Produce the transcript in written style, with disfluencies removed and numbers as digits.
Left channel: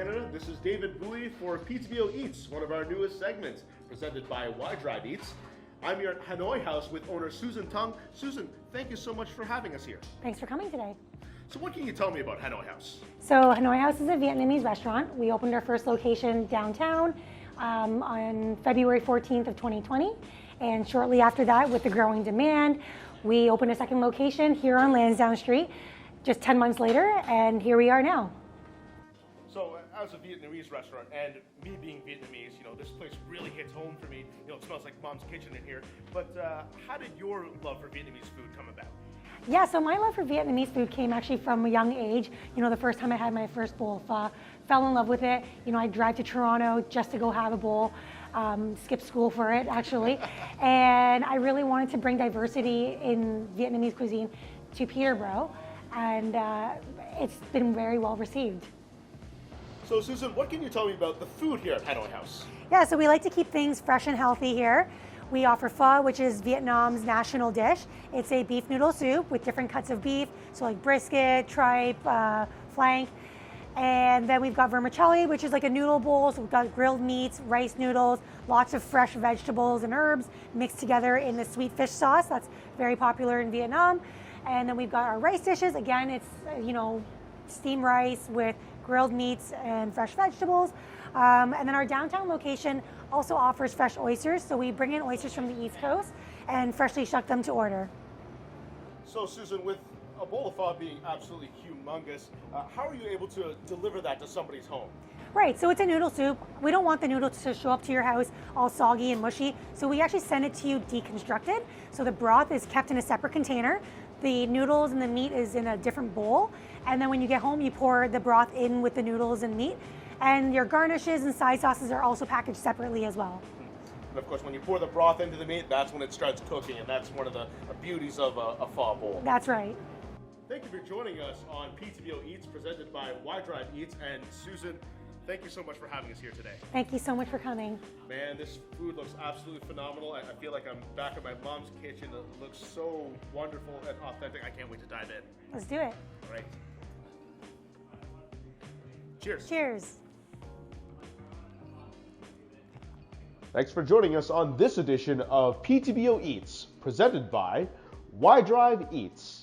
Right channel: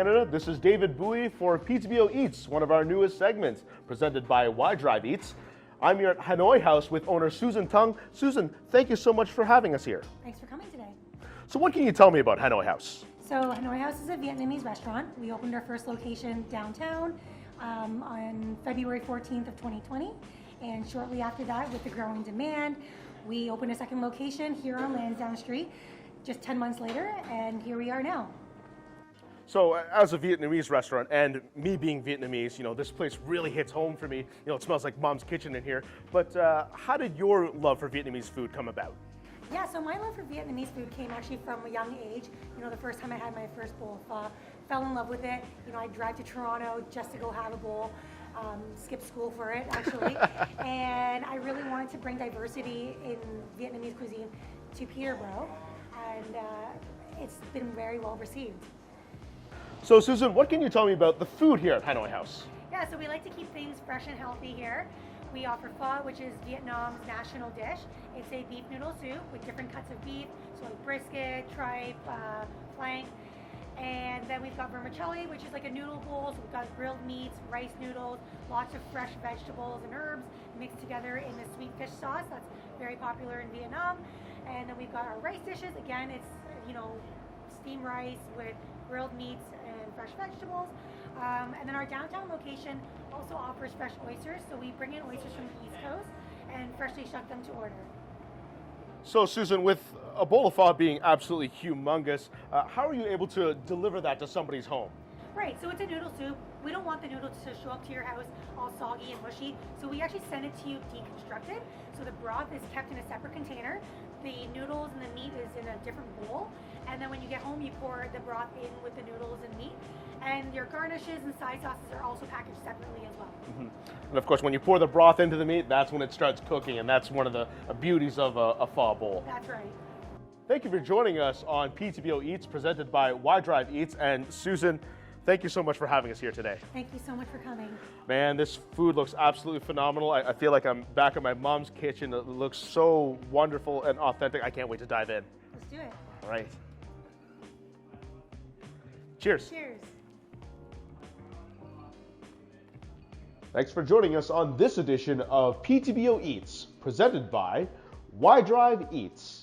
Canada. This is David Bowie for PTBO Eats, one of our newest segments, presented by Y Drive Eats. I'm here at Hanoi House with owner Susan Tung. Susan, thank you so much for having us here. Thanks for coming today. So what can you tell me about Hanoi House? So Hanoi House is a Vietnamese restaurant. We opened our first location downtown on February 14th of 2020. And shortly after that, with the growing demand, we opened a second location here on Lansdowne Street just 10 months later, and here we are now. So as a Vietnamese restaurant, and me being Vietnamese, this place really hits home for me. It smells like mom's kitchen in here. But how did your love for Vietnamese food come about? Yeah, so my love for Vietnamese food came actually from a young age. The first time I had my first bowl of pho, fell in love with it. I'd drive to Toronto just to go have a bowl, skip school for it actually. And I really wanted to bring diversity in Vietnamese cuisine to Peterborough. And it's been very well received. So Susan, what can you tell me about the food here at Hanoi House? Yeah, so we like to keep things fresh and healthy here. We offer pho, which is Vietnam's national dish. It's a beef noodle soup with different cuts of beef, so like brisket, tripe, flank. And then we've got vermicelli, which is like a noodle bowl, so we've got grilled meats, rice noodles, lots of fresh vegetables and herbs mixed together in the sweet fish sauce. That's very popular in Vietnam. And then we've got our rice dishes. Again, it's, steamed rice with grilled meats and fresh vegetables. And then our downtown location also offers fresh oysters. So we bring in oysters from the East Coast and freshly shuck them to order. So Susan, with a bowl of pho being absolutely humongous, how are you able to deliver that to somebody's home? Right, so it's a noodle soup. We don't want the noodles to show up to your house all soggy and mushy, so we actually send it to you deconstructed. So the broth is kept in a separate container. The noodles and the meat is in a different bowl. And then when you get home, you pour the broth in with the noodles and meat. And your garnishes and side sauces are also packaged separately as well. And of course, when you pour the broth into the meat, that's when it starts cooking, and that's one of the beauties of a pho bowl. That's right. Thank you for joining us on PTBO Eats, presented by Y Drive Eats. And Susan, thank you so much for having us here today. Thank you so much for coming. Man, this food looks absolutely phenomenal. I feel like I'm back in my mom's kitchen. It looks so wonderful and authentic. I can't wait to dive in. Let's do it. All right. Cheers. Cheers. Thanks for joining us on this edition of PTBO Eats, presented by Y Drive Eats.